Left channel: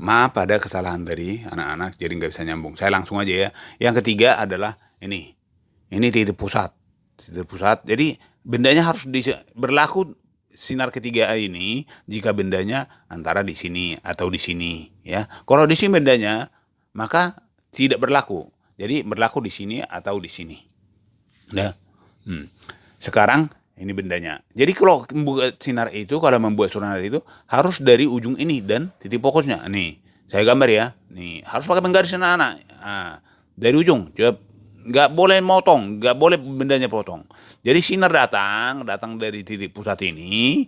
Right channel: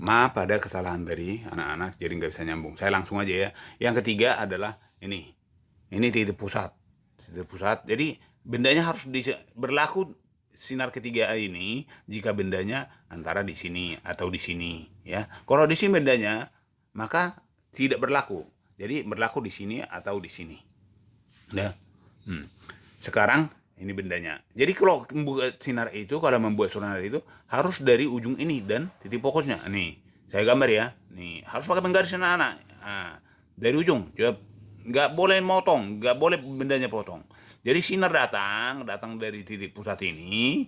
Maaf pada kesalahan tadi anak-anak, jadi nggak bisa nyambung. Saya langsung aja ya. Yang ketiga adalah ini. Ini titik pusat. Titik pusat. Jadi bendanya harus berlaku sinar ketiga ini jika bendanya antara di sini atau di sini ya. Kalau di sini bendanya maka tidak berlaku. Jadi berlaku di sini atau di sini. Ya. Sekarang ini bendanya. Jadi kalau membuat sinar itu, kalau membuat sinar itu harus dari ujung ini dan titik fokusnya. Nih, saya gambar ya. Nih, harus pakai penggaris anak-anak. Nah, dari ujung, coba nggak boleh motong, nggak boleh bendanya potong. Jadi sinar datang dari titik pusat ini,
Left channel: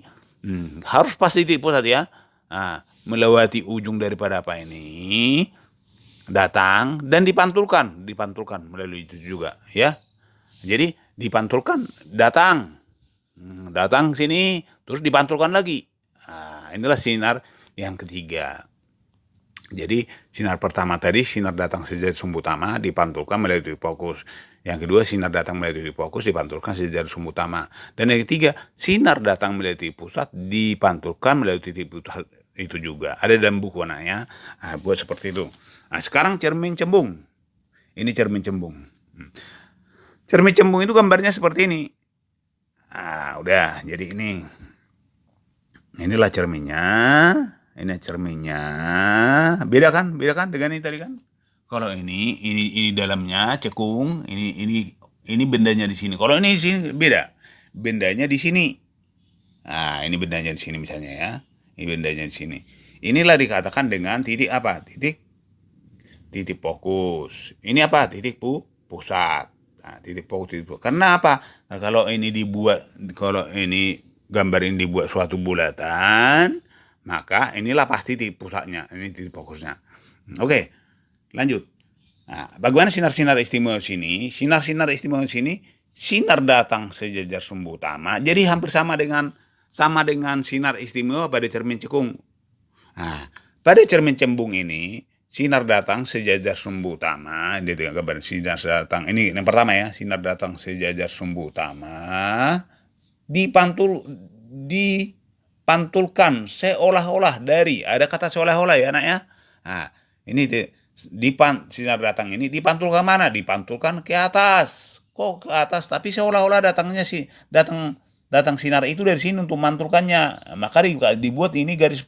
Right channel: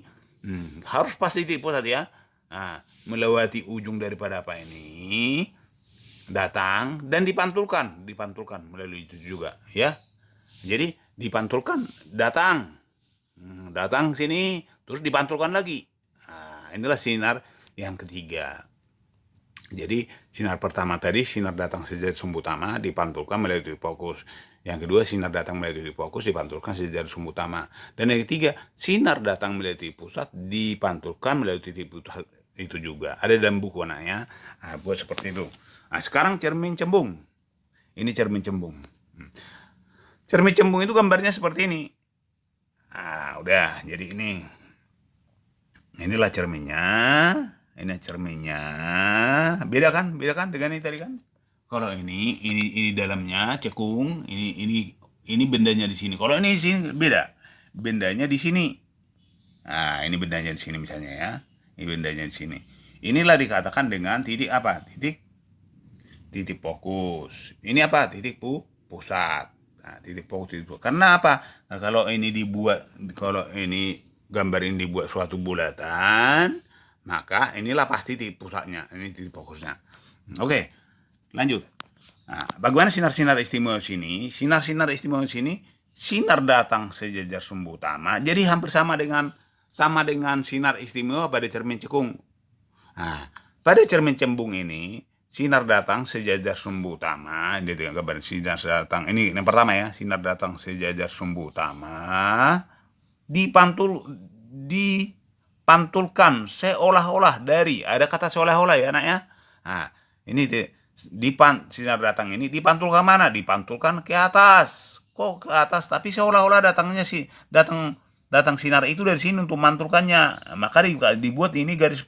harus pas titik pusat ya. Nah, melewati ujung daripada apa ini, datang dan dipantulkan melalui itu juga ya. Jadi dipantulkan, datang sini, terus dipantulkan lagi. Nah, inilah sinar yang ketiga. Jadi sinar pertama tadi sinar datang sejak sumbu utama dipantulkan melalui fokus. Yang kedua sinar datang melalui fokus dipantulkan sejak sumbu utama. Dan yang ketiga sinar datang melalui pusat dipantulkan melalui titik pusat itu juga. Ada dalam buku anaknya. Nah, buat seperti itu. Nah, sekarang cermin cembung. Ini cermin cembung. Cermin cembung itu gambarnya seperti ini. Ah, udah, jadi ini. Inilah cerminnya. Ini cerminnya. Beda kan? Beda kan dengan ini tadi kan? Kalau ini dalamnya cekung, ini bendanya di sini. Kalau ini di sini beda. Bendanya di sini. Nah, ini bendanya di sini misalnya ya. Ini bendanya di sini. Inilah dikatakan dengan titik apa? Titik fokus. Ini apa? Titik pusat. Nah, titik fokus. Karena apa? Nah, kalau ini gambar ini dibuat suatu bulatan, maka inilah pasti titik pusatnya. Ini titik fokusnya. Oke, lanjut. Nah, bagaimana sinar-sinar istimewa sini? Sinar-sinar istimewa sini, sinar datang sejajar sumbu utama. Jadi hampir sama dengan sinar istimewa pada cermin cekung. Nah, pada cermin cembung ini sinar datang sejajar sumbu utama. Ini gambar sinar datang. Ini yang pertama ya, sinar datang sejajar sumbu utama dipantulkan seolah-olah dari, ada kata seolah-olah ya anak ya. Nah, ini sinar datang ini dipantulkan mana? Dipantulkan ke atas. Kok ke atas? Tapi seolah-olah datang sinar itu dari sini untuk mantulkannya. Maka dibuat ini garis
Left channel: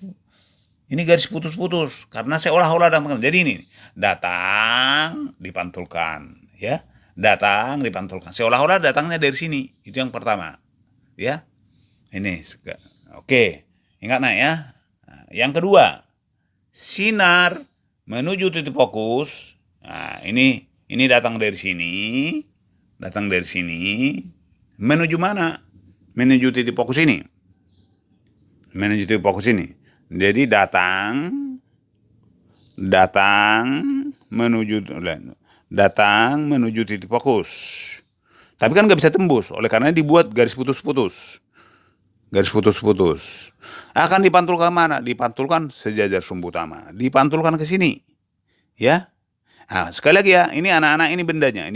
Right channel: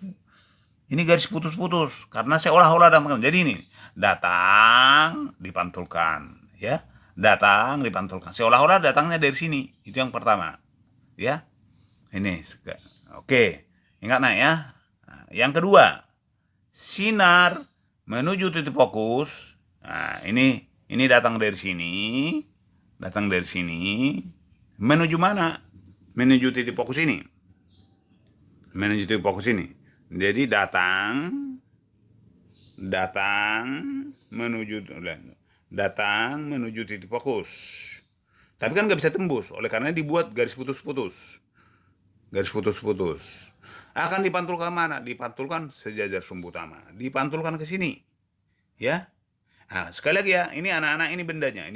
putus-putus karena seolah-olah datang. Jadi ini datang dipantulkan ya. Datang dipantulkan. Seolah-olah datangnya dari sini. Itu yang pertama. Ya. Ini oke. Ingat nak ya. Nah, yang kedua, sinar menuju titik fokus. Nah, ini datang dari sini. Datang dari sini. Menuju mana? Menuju titik fokus ini. Menuju titik fokus ini. Jadi datang menuju titik fokus. Tapi kan nggak bisa tembus, oleh karena dibuat garis putus-putus. Garis putus-putus. Akan dipantulkan mana? Dipantulkan sejajar sumbu utama. Dipantulkan ke sini. Ya. Nah, sekali lagi ya, ini anak-anak ini bendanya.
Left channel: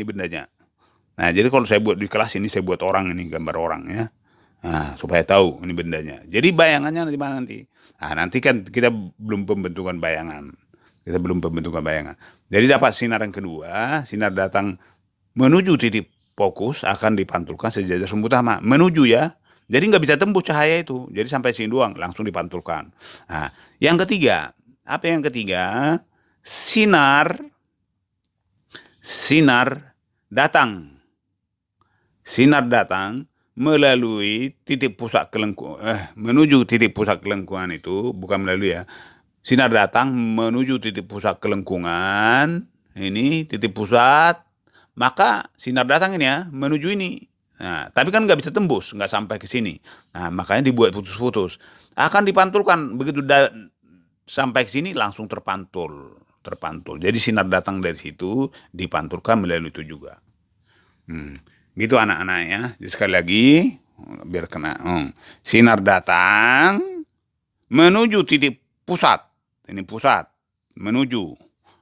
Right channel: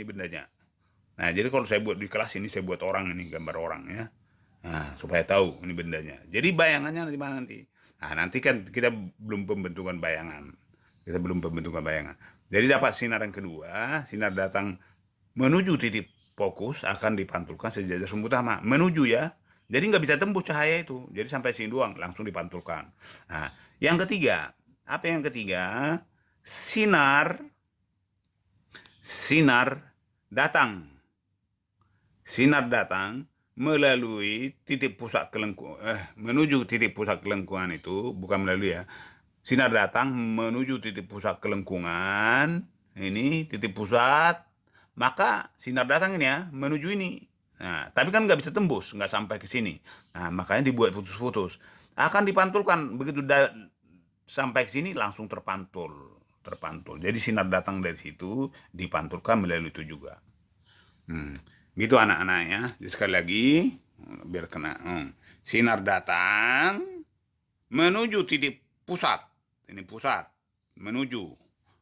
Nah, jadi kalau saya buat di kelas ini, saya buat orang ini, gambar orang ya. Nah, supaya tahu ini bendanya. Jadi bayangannya nanti. Nah, nanti kan kita belum pembentukan bayangan. Jadi dapat sinar yang kedua, sinar datang menuju titik fokus akan dipantulkan sejajar sumbu utama. Menuju ya. Jadi nggak bisa tembus cahaya itu. Jadi sampai sini doang, langsung dipantulkan. Nah, yang ketiga, apa yang ketiga? Sinar datang. Sinar datang melalui titik pusat menuju titik pusat kelengkungan itu, bukan melalui ya. Sinar datang menuju titik pusat kelengkungan, ini titik pusat, maka sinar datang ini ya menuju ini. Nah, tapi kan nggak bisa tembus, nggak sampai ke sini. Nah, makanya dibuat putus-putus. Akan dipantulkan begitu sampai ke sini langsung terpantul. Jadi sinar datang dari situ dipantulkan melalui itu juga. Gitu anak-anak ya. Jadi sekali lagi biar kena. Sinar datang menuju titik pusat. Ini pusat menuju.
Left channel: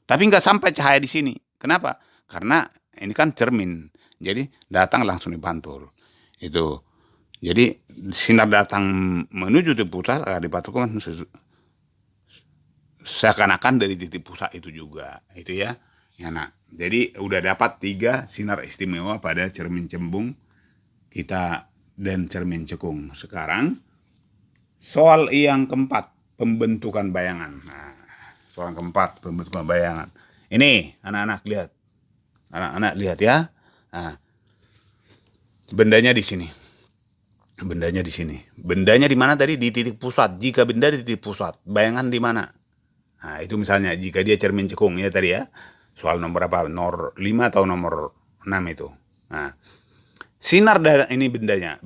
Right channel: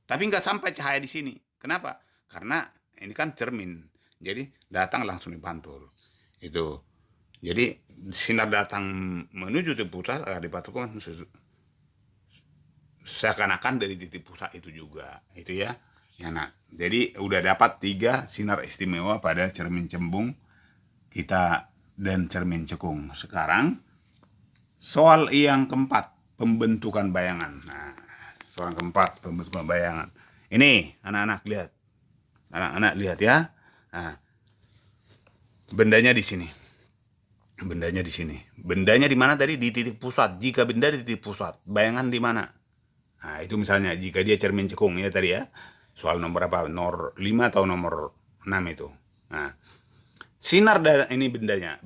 Tapi nggak sampai cahaya di sini. Kenapa? Karena ini kan cermin. Jadi datang langsung dipantul. Itu. Jadi sinar datang menuju titik pusat akan dipantulkan seakan-akan dari titik pusat itu juga, itu ya. Ya nak. Jadi udah dapat 3 sinar istimewa pada cermin cembung kita dan cermin cekung. Sekarang soal yang keempat, pembentukan bayangan. Nah, soal yang keempat, pembentukan bayangan. Ini anak-anak lihat. Anak-anak lihat ya. Nah, bendanya di sini. Bendanya di sini. Bendanya di mana tadi? Di titik pusat. Jika benda di titik pusat, bayangan di mana? Nah, itu misalnya jika dia cermin cekung ya tadi ya. Soal nomor apa? Nomor 5 atau nomor 6 itu. Nah, sinar dari ini bendanya.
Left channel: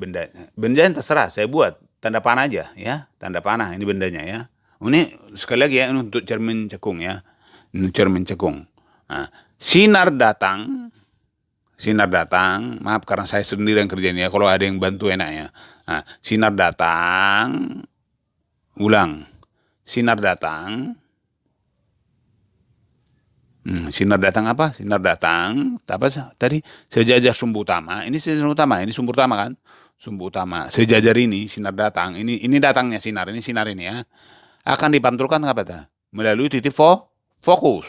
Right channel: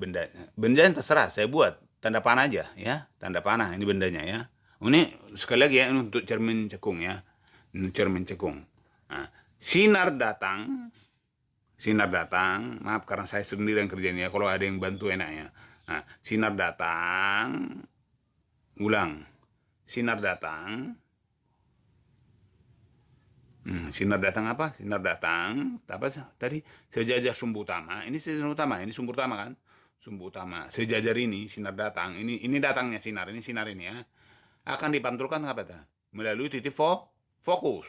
Bendanya terserah, saya buat tanda panah aja ya. Tanda panah ini bendanya ya. Ini sekali lagi ya, ini untuk cermin cekung ya. Ini cermin cekung. Nah, sinar datang, maaf karena saya sendiri yang kerjain ya, kalau ada yang bantu enak ya. Nah, sinar datang, ulang, sinar datang, sinar datang apa? Sinar datang, apa tadi? Sejajar sumbu utama, ini sumbu utama kan? Sumbu utama, sejajar ini sinar datang, ini datangnya sinar, ini ya, akan dipantulkan apa ta? Melalui titik fokus.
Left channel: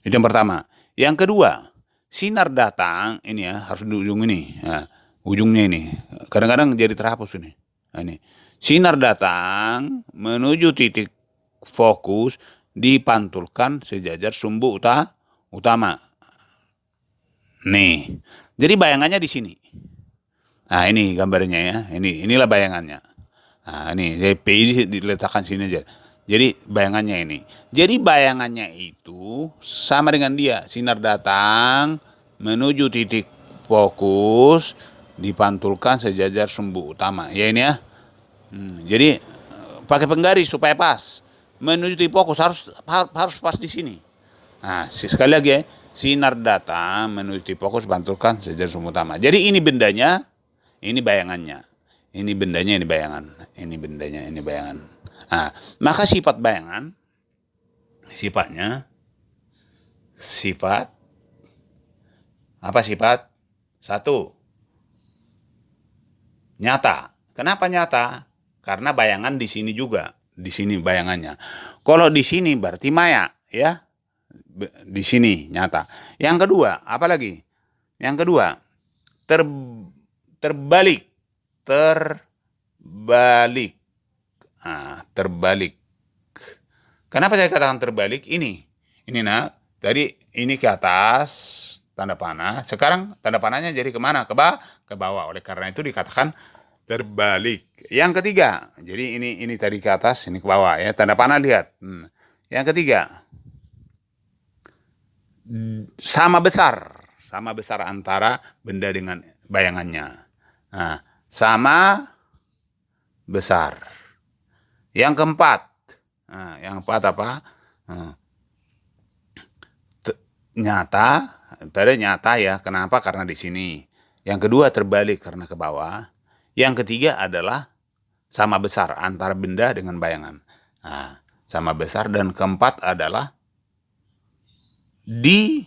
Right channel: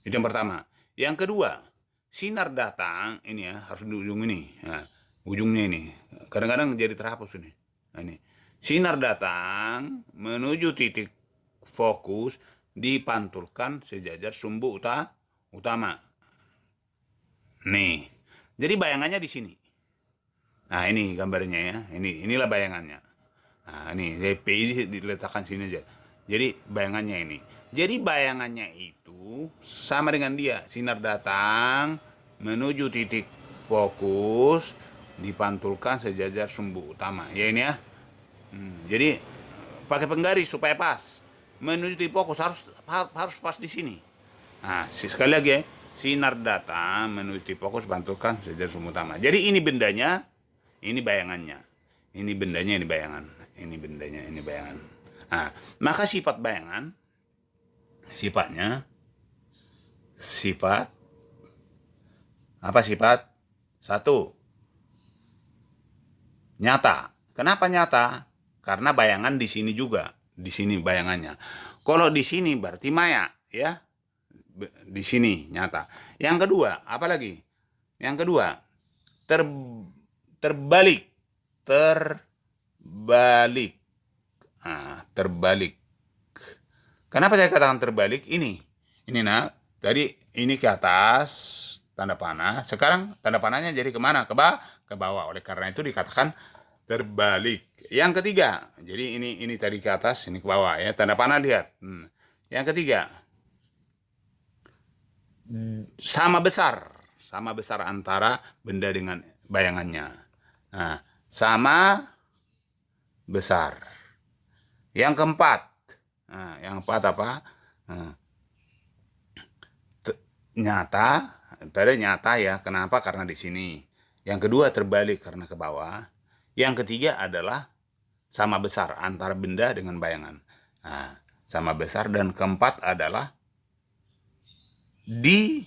Itu yang pertama. Yang kedua, sinar datang ini ya harus di ujung ini, ya, ujungnya ini. Kadang-kadang jadi terhapus ini. Nah, ini sinar datang menuju titik fokus dipantulkan sejajar sumbu utama. Nih, jadi bayangannya di sini. Nah ini gambarnya ya, inilah bayangannya. Nah ini PI diletakkan sini aja. Jadi bayangannya ini. Jadi bayangannya itu sama dengan dia. Sinar datang menuju titik fokus dipantulkan sejajar sumbu utama. Ya ini ya. Jadi pakai penggaris supaya pas. Menuju titik fokus harus pas di sini. Nah sekali lagi ya. Sinar datang menuju titik fokus pantulkan sejajar sumbu utama. Jadi ini bendanya, ini bayangannya. Ini bendanya, ini bayangan. Ini bendanya, ini bayangan. Nah, maka sifat bayangan, sifatnya, apa sifat? 1, nyata. Kenapa nyata? Karena bayangan di sini juga. Di sini bayangannya. Kalau di sini berarti maya, ya. Di sini nyata. Yang kedua, apa lagi? Yang kedua, terbalik. Nah, terbalik. Kenapa saya katakan terbalik? Ini nak. Tadi ini ke atas tanda panah. Sekarang tanda panahnya jadi kemana? Ke bawah. Oleh karena itu dikatakan terbalik. Yang ketiga, jadi ini tadi ke atas, ini ke bawah ya. Tanda panah lihat. Yang ketiga, sama besar antara benda dengan bayangannya. Nah, sama besar. Yang keempat, apa? Nyata, tadi nyata ya. Kenapa? Karena di sini. Yang kedua terbalik karena ke bawah. Yang ketiga adalah sama besar antara benda dengan bayangan. Nah, sama besar. Dan keempat adalah di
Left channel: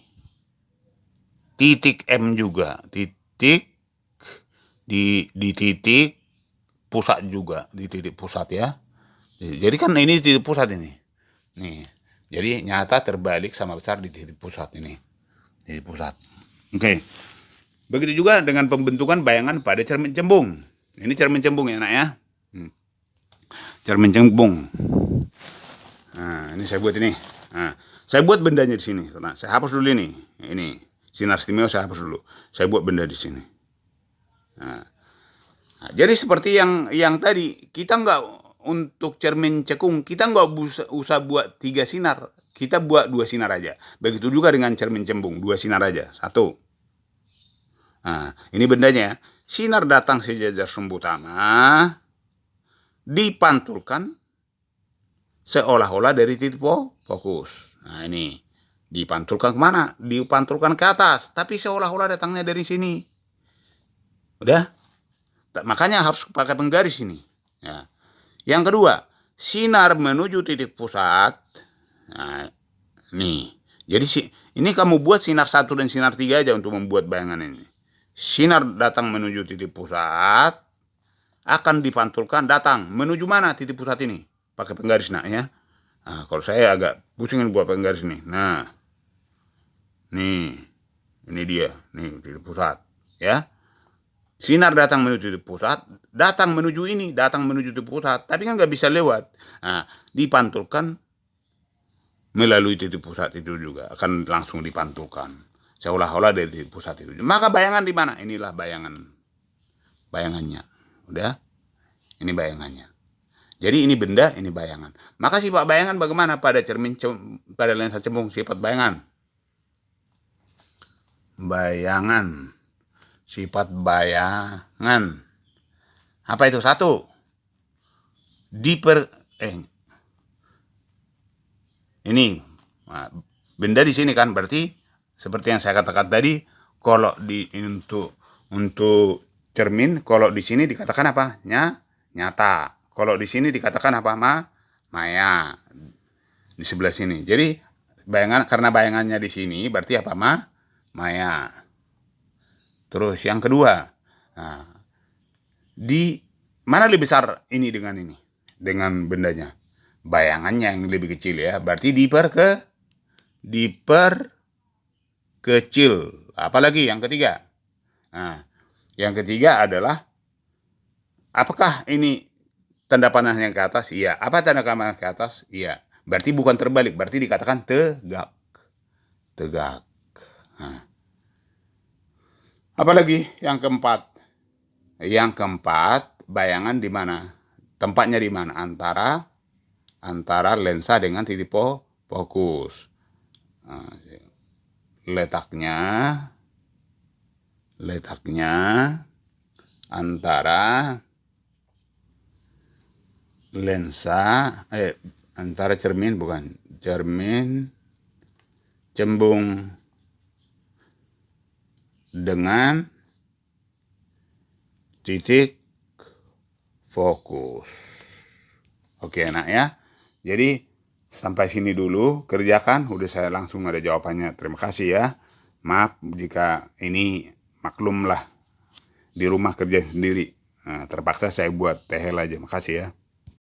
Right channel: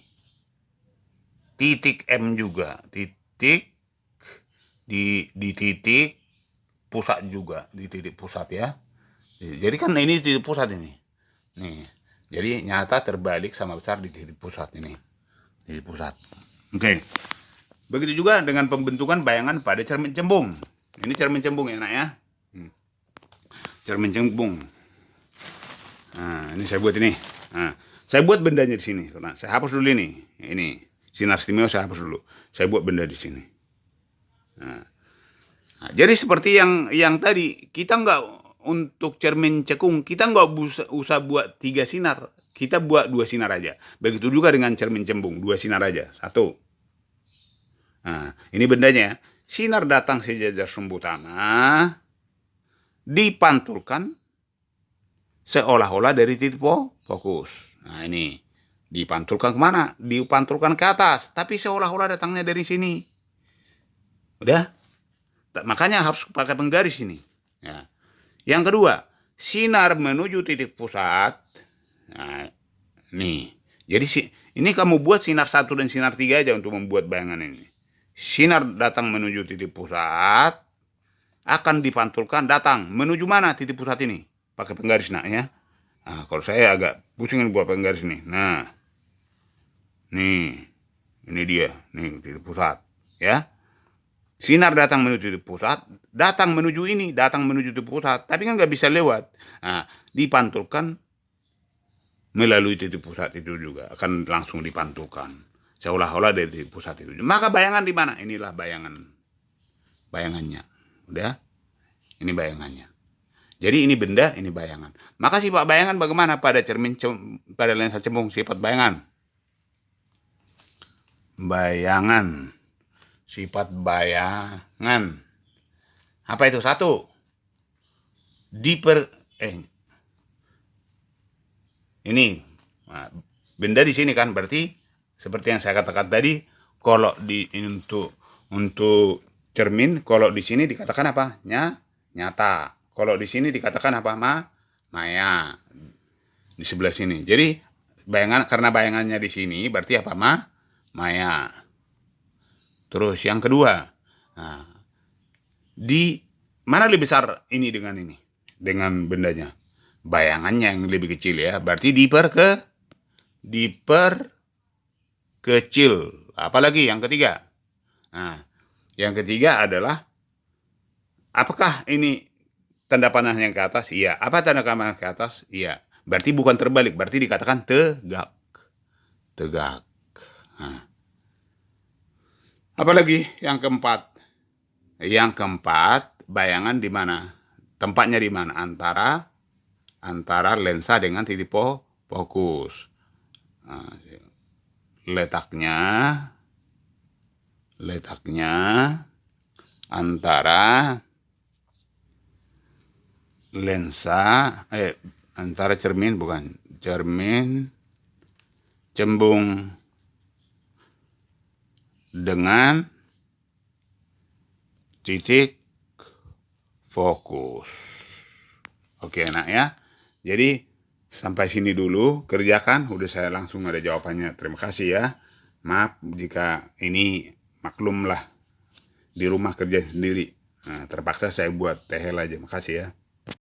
titik M juga, di titik pusat juga, di titik pusat ya. Jadi kan ini titik pusat ini. Nih. Jadi nyata terbalik sama besar di titik pusat ini. Titik pusat. Oke. Begitu juga dengan pembentukan bayangan pada cermin cembung. Ini cermin cembung ya nak ya. Cermin cembung. Nah, ini saya buat ini. Nah, saya buat bendanya di sini. Nah, saya hapus dulu ini. Ini sinar istimewa saya hapus dulu. Saya buat benda di sini. Nah, jadi seperti yang tadi, kita nggak untuk cermin cekung, kita nggak usah buat 3 sinar. Kita buat 2 sinar aja. Begitu juga dengan cermin cembung, 2 sinar aja. 1. Nah, ini bendanya. Sinar datang sejajar sumbu utama, dipantulkan seolah-olah dari titik fokus. Nah ini dipantulkan kemana? Dipantulkan ke atas, tapi seolah-olah datangnya dari sini. Udah? Makanya harus pakai penggaris ini. Ya. Yang kedua, sinar menuju titik pusat. Nah, nih. Jadi ini kamu buat sinar 1 dan sinar 3 aja untuk membuat bayangan ini. Sinar datang menuju titik pusat, akan dipantulkan datang menuju mana titik pusat ini? Pakai penggaris nak ya. Nah, kalau saya agak pusingin buat penggaris nih. Nah, nih, ini dia, nih titik pusat, ya. Sinar datang menuju titik pusat, datang menuju titik pusat, tapi kan nggak bisa lewat. Nah, dipantulkan melalui titik pusat itu juga akan langsung dipantulkan, seolah-olah dari titik pusat itu. Maka bayangan di mana? Inilah bayangannya, udah. Ini bayangannya. Jadi ini benda, ini bayangan. Maka sifat bayangan bagaimana pada pada lensa cembung? Sifat bayangan. Sifat bayangan. Apa itu? Satu, ini benda di sini kan, berarti seperti yang saya katakan tadi, kalau untuk cermin, kalau di sini dikatakan apa? Nyata. Kalau di sini dikatakan apa? Maya. Di sebelah sini. Jadi bayangan, karena bayangannya di sini berarti apa? Maya. Terus yang kedua, nah, di mana lebih besar ini dengan bendanya? Bayangannya yang lebih kecil, ya. Berarti diperkecil. Apalagi yang ketiga? Nah, yang ketiga adalah, apakah ini tanda panah yang ke atas? Iya. Apa tanda panah ke atas? Iya. Berarti bukan terbalik, berarti dikatakan tegak. Nah. Apalagi yang keempat? Yang keempat, bayangan di mana? Tempatnya di mana? Antara lensa dengan titik fokus. Nah, letaknya antara lensa, antara cermin cembung dengan titik fokus. Oke, nak ya. Jadi sampai sini dulu, kerjakan. Udah saya langsung ada jawabannya. Terima kasih ya. Maaf jika ini, maklumlah, di rumah kerja sendiri. Nah, terpaksa saya buat tehel aja. Makasih ya.